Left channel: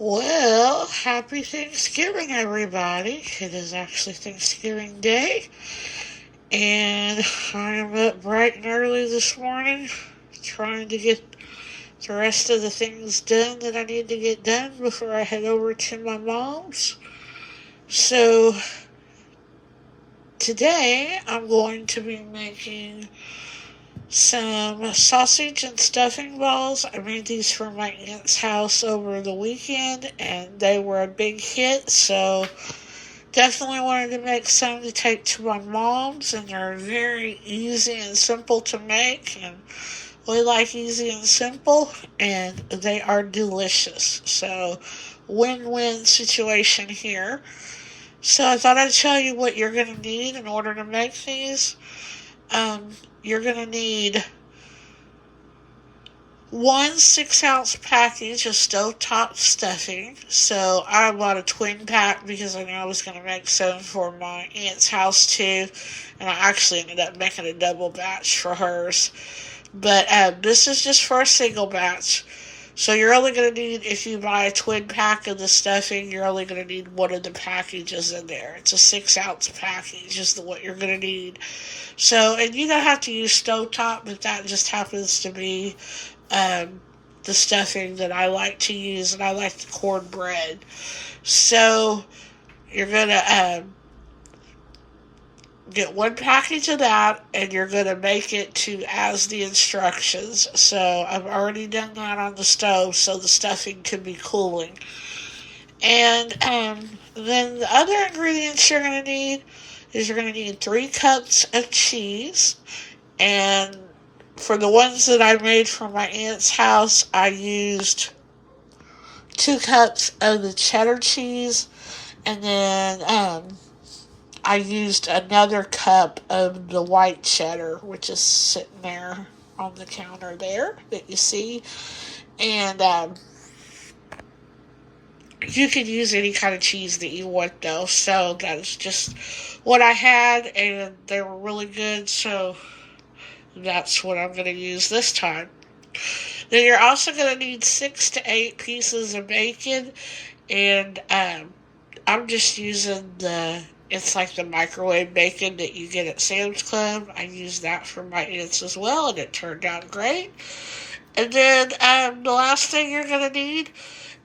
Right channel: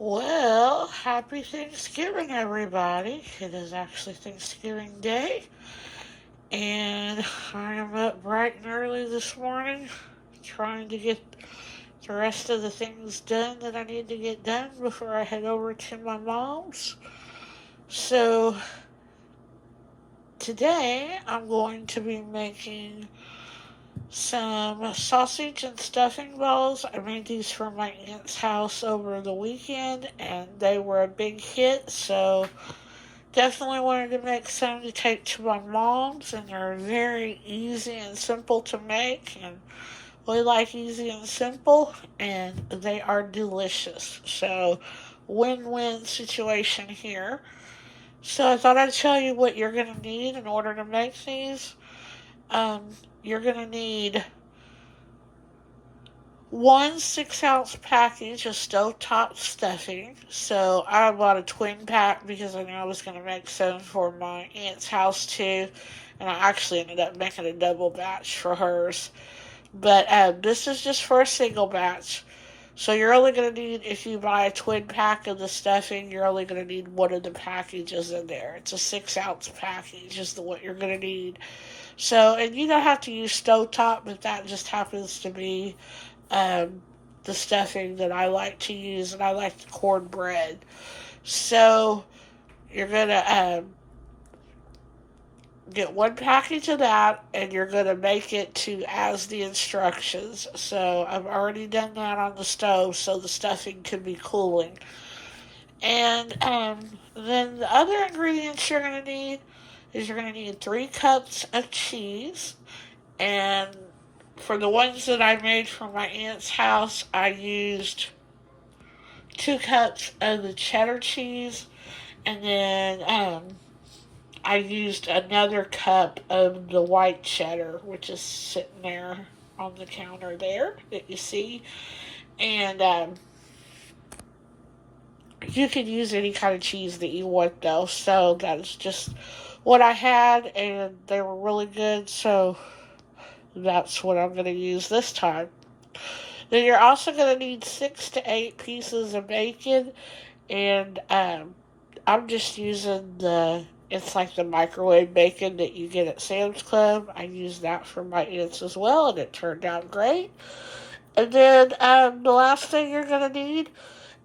Well, happy Thanksgiving, everybody. It is actually Thanksgiving Day, and I am up bright and early this morning trying to get the rest of the things done that I need to get done before I head over to my mom's. So, today I'm going to be making some sausage and stuffing balls. I made these for my aunt's house over the weekend, and they were a big hit, so definitely wanted to make some to take to my mom's, and they're very easy and simple to make, and we like easy and simple, and they are delicious. So, win-win situation here. So I thought I'd tell you what you're going to need in order to make these. You're going to need one 6 ounce package of stovetop stuffing. So I bought a twin pack because I knew I was going to make some for my aunt's house too. And I actually ended up making a double batch for hers. But this is just for a single batch. So you're only going to need, if you buy a twin pack of the stuffing, you're only going to need one of the packages in there. It's a 6 ounce package is what you're going to need. So, and you don't have to use stovetop, but that just happens to be um, the stuffing that I like to use, and I like the cornbread. So you're gonna get one package of that, and you're gonna make it to as the instructions. So I've already done that on the stove, so the stuffing can be cooling. And then the other ingredients you're gonna need is you're gonna need 3 cups of cheese, and for the ones that I made for my aunt's house, I used 2 cups of the cheddar cheese, and then I used another cup of the white cheddar, which is sitting there on the counter there that you see. And you could use any kind of cheese that you want, though. So that's just what I had, and they were really good. So that's what I'm going to use this time. Then you're also going to need 6 to 8 pieces of bacon, and I'm just using it's like the microwave bacon that you get at Sam's Club. I used that for my aunts as well, and it turned out great. And then the last thing you're going to need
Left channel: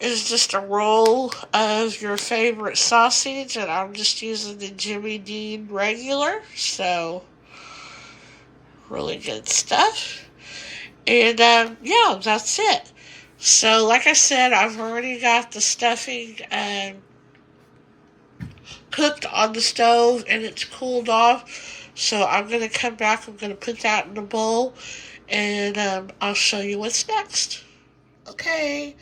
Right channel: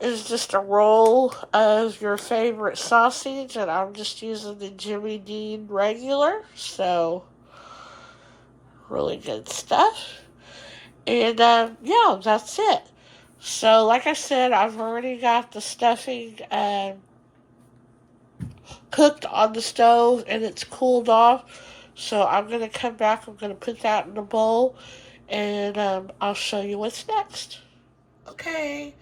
is just a roll of your favorite sausage, and I'm just using the Jimmy Dean regular, so really good stuff. And yeah, that's it. So, like I said, I've already got the stuffing cooked on the stove and it's cooled off. So, I'm going to come back. I'm going to put that in a bowl and I'll show you what's next. Okay,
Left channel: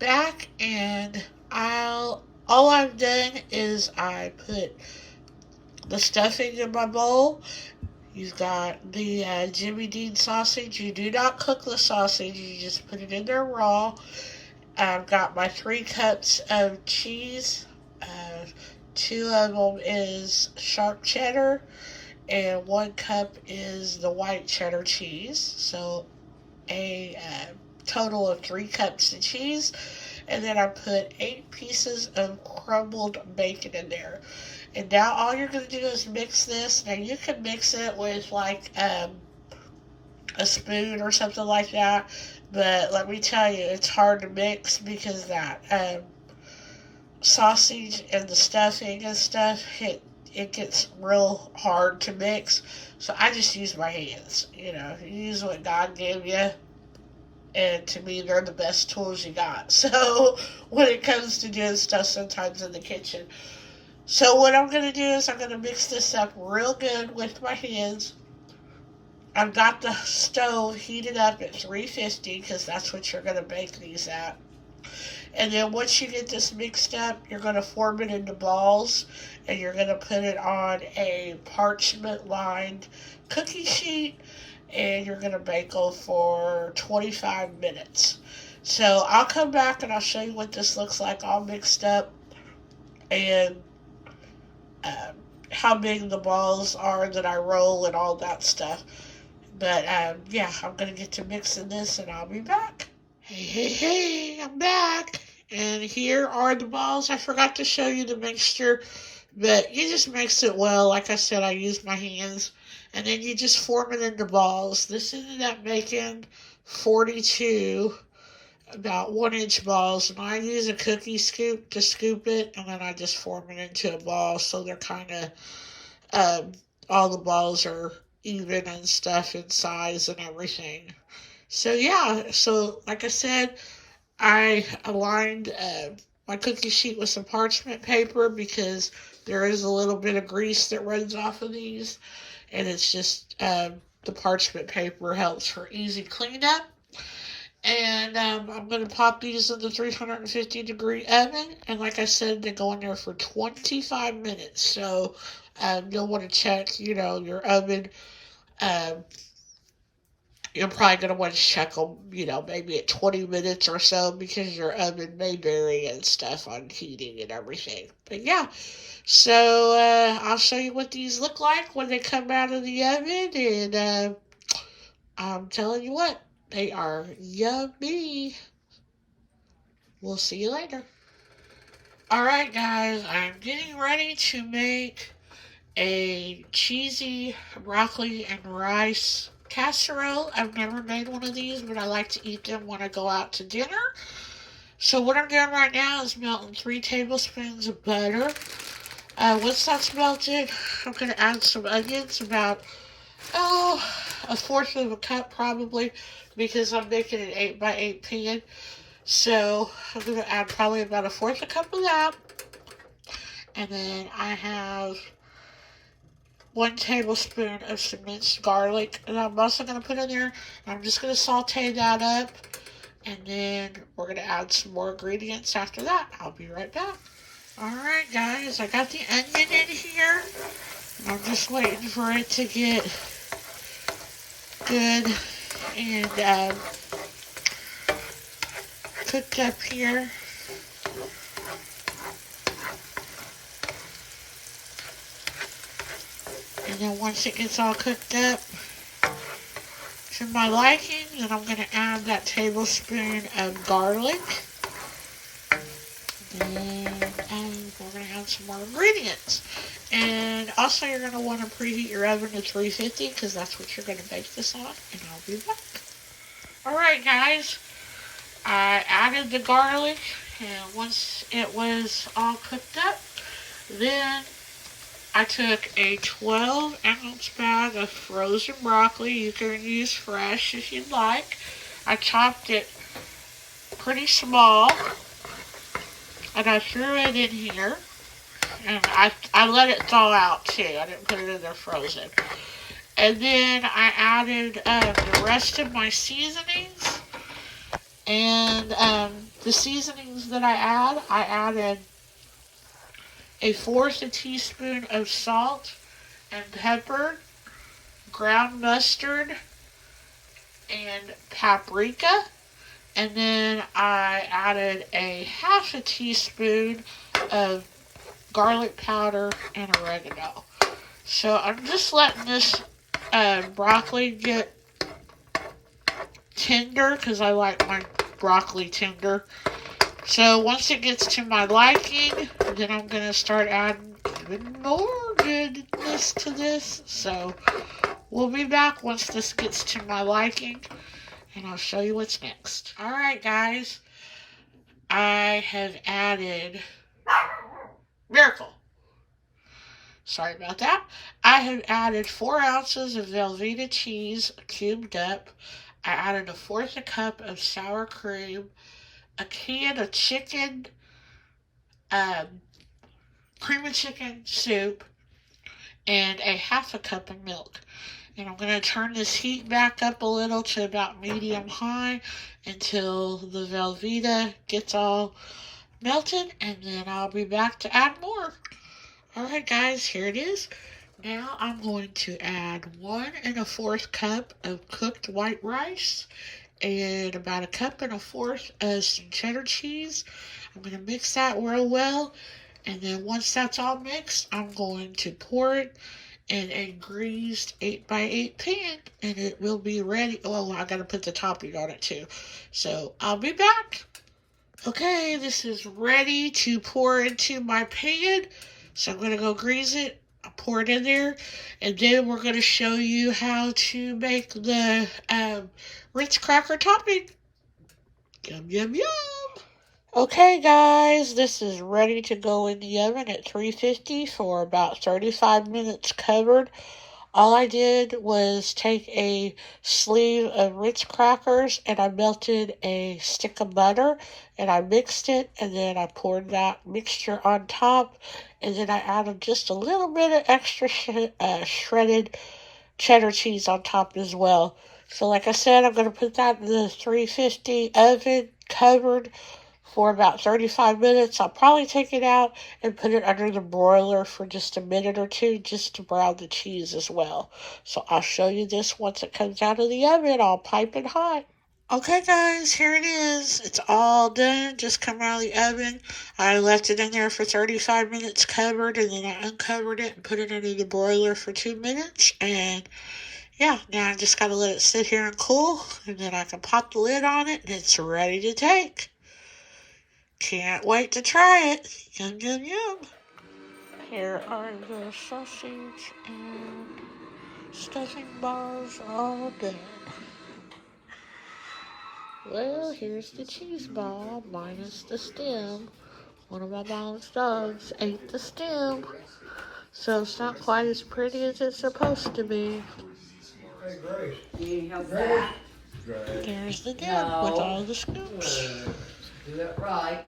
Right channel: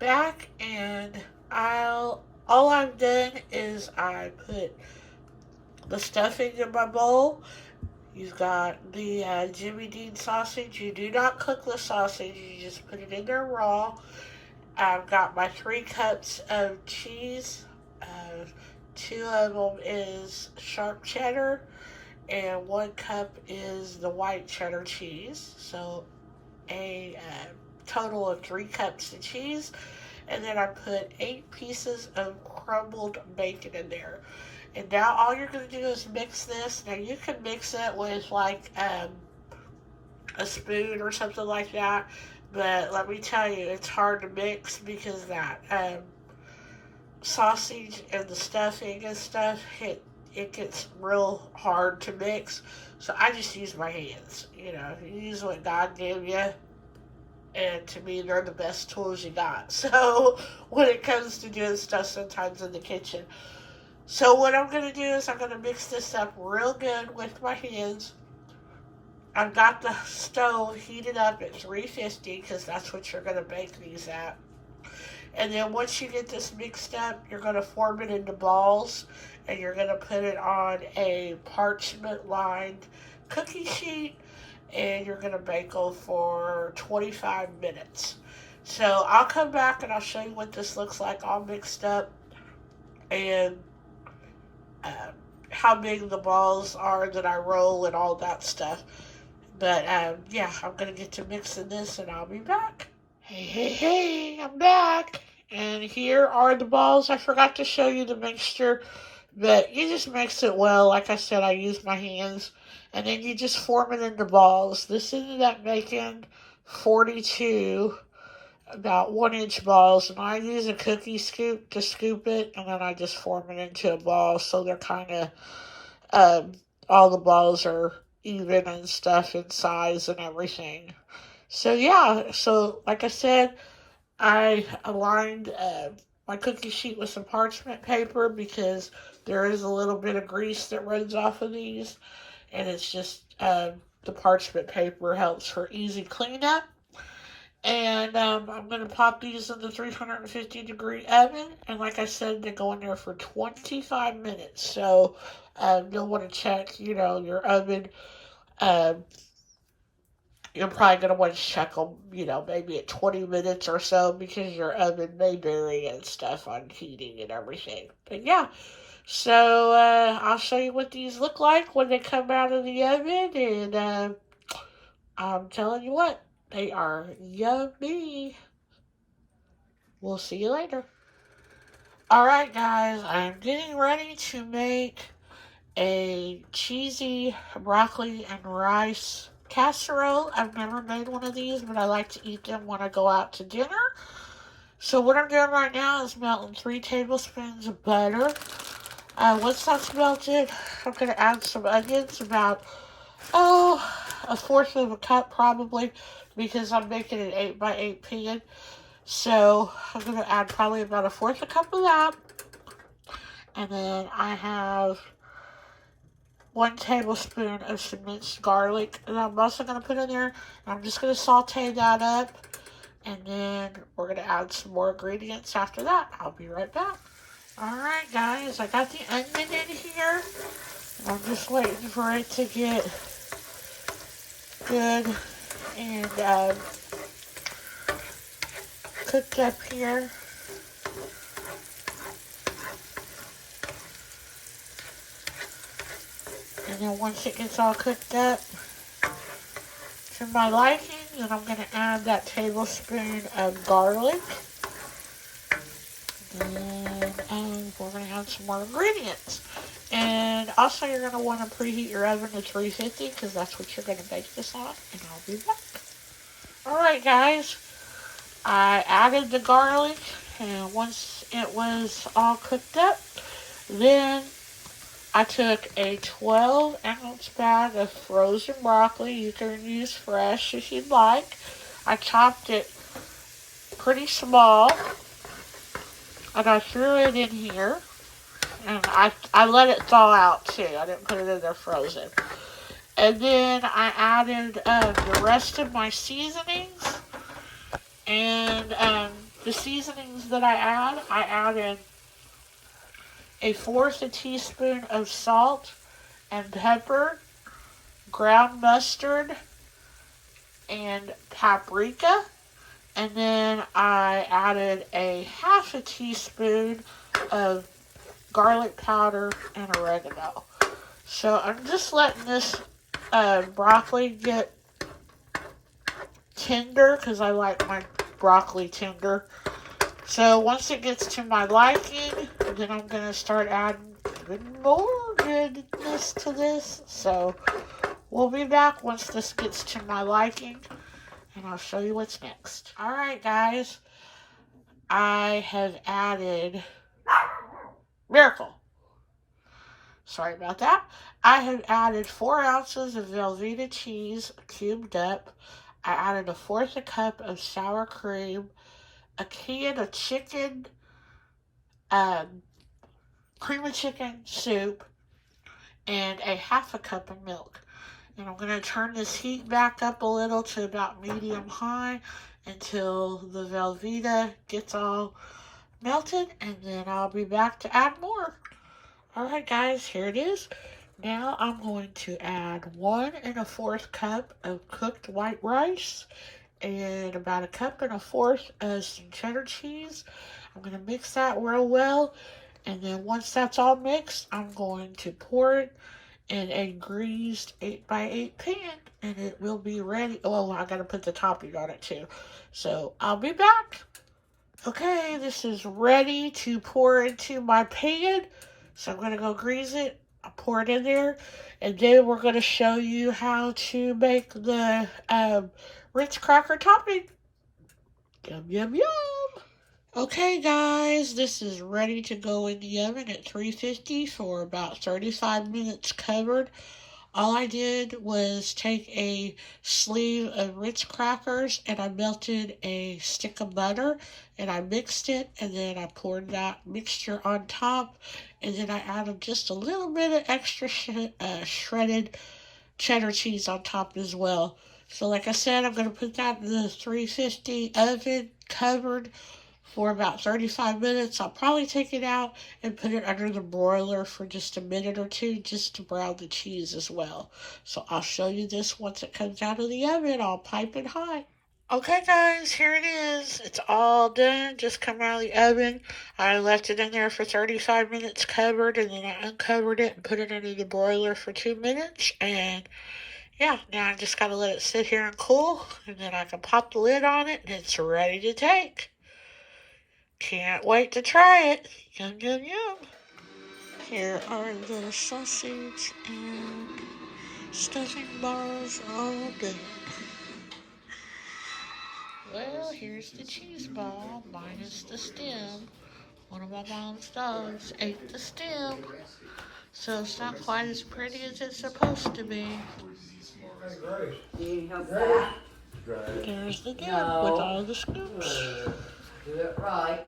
back, and all I've done is I put the stuffing in my bowl. You've got the Jimmy Dean sausage. You do not cook the sausage, you just put it in there raw. I've got my 3 cups of cheese. Uh, 2 of them is sharp cheddar, and 1 cup is the white cheddar cheese. So a total of 3 cups of cheese. And then I put 8 pieces of crumbled bacon in there. And now all you're going to do is mix this. Now you can mix it with like a spoon or something like that. But let me tell you, it's hard to mix because that sausage and the stuffing and stuff, it gets real hard to mix. So I just use my hands. You use what God gave you, and to me, they're the best tools you got. So when it comes to doing stuff sometimes in the kitchen. So what I'm going to do is I'm going to mix this up real good with my hands. I've got the stove heated up at 350 because that's what you're going to bake these at. And then once you get this mixed up, you're going to form it into balls, and you're going to put it on a parchment lined cookie sheet, and you're going to bake them for 25 minutes. So I'll come back and I'll show you what this looks like all mixed up, and um, how big the balls are that I roll and all that stuff. But yeah, I'm going to get to mixing this and I'll be back. Hey, hey, hey, I'm back. And here are the balls. I forgot to show you the mixture, but you just mix it well. Like I said, I use my hands. And then you just form it into balls. This ended up making 42 about 1 inch balls. And I use a cookie scoop to scoop it. And then I just form it into a ball. So they're kind of, all the balls are even and stuff in size and everything. So yeah, so like I said, I aligned my cookie sheet with some parchment paper because there is a little bit of grease that runs off of these, and it's just the parchment paper helps for easy cleanup. And I'm going to pop these in the 350-degree oven. And like I said, they go in there for 25 minutes. So you'll want to check, your oven. Um, you're probably going to want to check them, maybe at 20 minutes or so because your oven may vary and stuff on heating and everything. But yeah, so I'll show you what these look like when they come out of the oven. And I'm telling you what, they are yummy. We'll see you later. Alright guys, I'm getting ready to make a cheesy broccoli and rice casserole. I've never made one of these, but I like to eat them when I go out to dinner. So what I'm doing right now is melting 3 tablespoons of butter. Once that's melted, I'm going to add some onions, about, a fourth of a cup probably, because I'm making an 8x8 pan. So I'm going to add probably about a fourth a cup of that. And then I have 1 tablespoon of some minced garlic that I'm also going to put in there. I'm just going to saute that up. And then we're going to add some more ingredients after that. I'll be right back. Alright guys, I got the onion in here. And I'm just waiting for it to get good and cooked up here. And then once it gets all cooked up to my liking, then I'm going to add that tablespoon of garlic. And we're going to add some more ingredients. And also you're going to want to preheat your oven to 350 because that's what you're going to bake this on. And I'll be back. Alright guys, I added the garlic, and once it was all cooked up, then I took a 12-ounce bag of frozen broccoli. You can use fresh if you'd like. I chopped it pretty small, and I threw it in here. And I let it thaw out too. I didn't put it in there frozen. And then I added the rest of my seasonings. And the seasonings that I added a fourth a teaspoon of salt and pepper, ground mustard, and paprika. And then I added a half a teaspoon of garlic powder and oregano. So I'm just letting this broccoli get tender because I like my broccoli tender. So once it gets to my liking, then I'm going to start adding even more goodness to this. So we'll be back once this gets to my liking, and I'll show you what's next. Alright guys, I have added Miracle. Sorry about that. I have added 4 ounces of Velveeta cheese cubed up. I added a fourth a cup of sour cream, a can of chicken, cream of chicken soup, and a half a cup of milk. And I'm going to turn this heat back up a little to about medium high until the Velveeta gets all melted, and then I'll be back to add more. Alright guys, here it is. Now I'm going to add 1 1/4 cup of cooked white rice and about 1 1/4 cup of some cheddar cheese. I'm going to mix that real well, and then once that's all mixed, I'm going to pour it in a greased 8x8 pan, and it will be ready. Oh, I got to put the topping on it too. So I'll be back. Okay, this is ready to pour into my pan. So I'm going to go grease it. I'll pour it in there. And then we're going to show you how to make the Ritz cracker topping. Yum, yum, yum. Okay, guys, this is ready to go in the oven at 350 for about 35 minutes covered. All I did was take a sleeve of Ritz crackers and I melted a stick of butter and I mixed it, and then I poured that mixture on top, and then I added just a little bit of extra shredded cheddar cheese on top as well. So like I said, I'm going to put that in the 350 oven covered for about 35 minutes. I'll probably take it out and put it under the broiler for just a minute or two just to brown the cheese as well. So I'll show you this once it comes out of the oven, all piping hot. Okay, guys, here it is. It's all done. Just come out of the oven. I left it in there for 35 minutes covered, and then I uncovered it and put it under the broiler for 2 minutes. And yeah, now I just got to let it sit here and cool, and then I can pop the lid on it, and it's ready to take. Can't wait to try it. Yum, yum, yum. Here are the sausage and stuffing bars all done. Well, here's the cheese ball minus the stem. One of my mom's dogs ate the stem, so it's not quite as pretty as it's supposed to be. There's the dip with all the scoops. Do it right.